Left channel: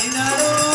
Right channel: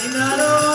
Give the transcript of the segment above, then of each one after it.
Dinaro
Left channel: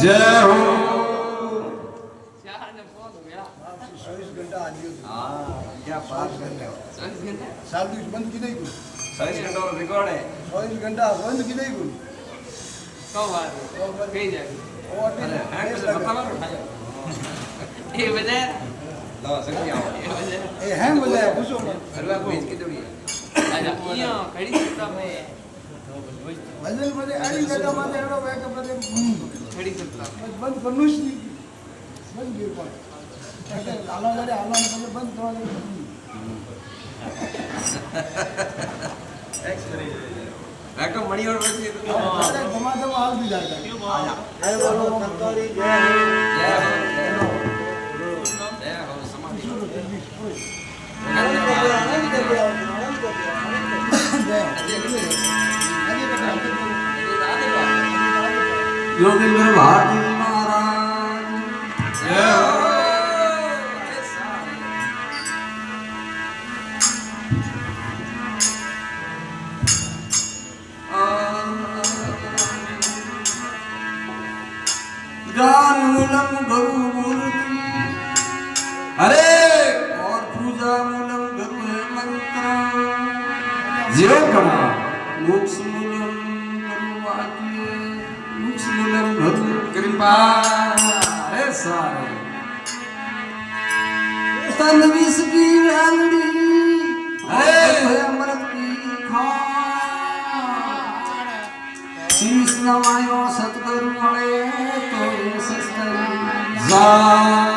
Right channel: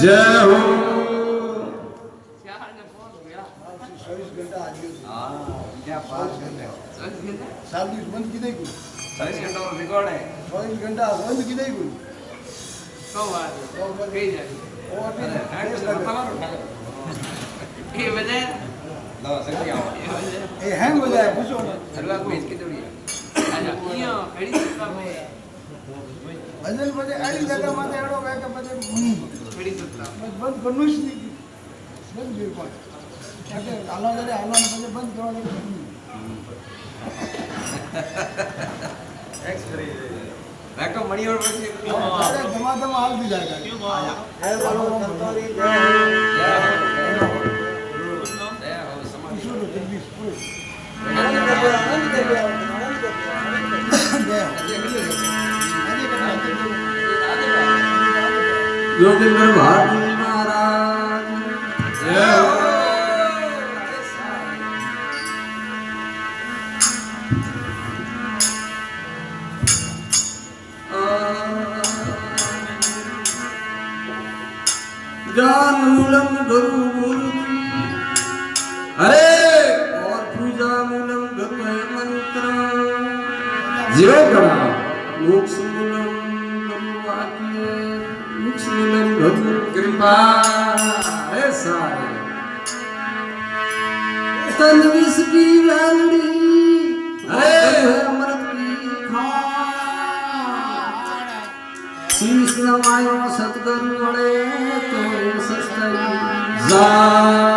जय हो 24 घंटा आज क्या बात कर रहे हो साल दिवस बंद की नहीं कुछ 24 घंटा और रिकॉर्ड है 24 घंटा बंद की नहीं कुछ कब आ रहे और ये वजह लो सही आओ ए हैंग हो जाए पूछो अगला कोई इसकी जोड़ी है यो खड़ी सकता है भजन बजे आड़ी जगह माथे एड़ो वे तो बजे खड़ी सकता बस बंद करनो ही नहीं बंद बिल्कुल अरे हालो ने बजे बंद करवा दे एक्सपीरियंस रैको मणि और बजी अरे धमाधम हाल दी जाएगा आया जय बोलो संतोरी जय हो समाधि आनंद कर दिया आनंद कर दिया आनंद कर दिया योगेंद्र भारती महाराज जय हो ज्ञान मूलम गुरु मूर्ति अरे और पूजा मूलम गुरु है मंत्र जीरो करा मोक्ष मूलम गुरु वाक्य मोक्ष मूलम गुरु कृपा अरे सारे तन विष की लालड़ी अरे है अमृत की खान शीश नवायो सतगुरु बड़े तो सस्तरी जा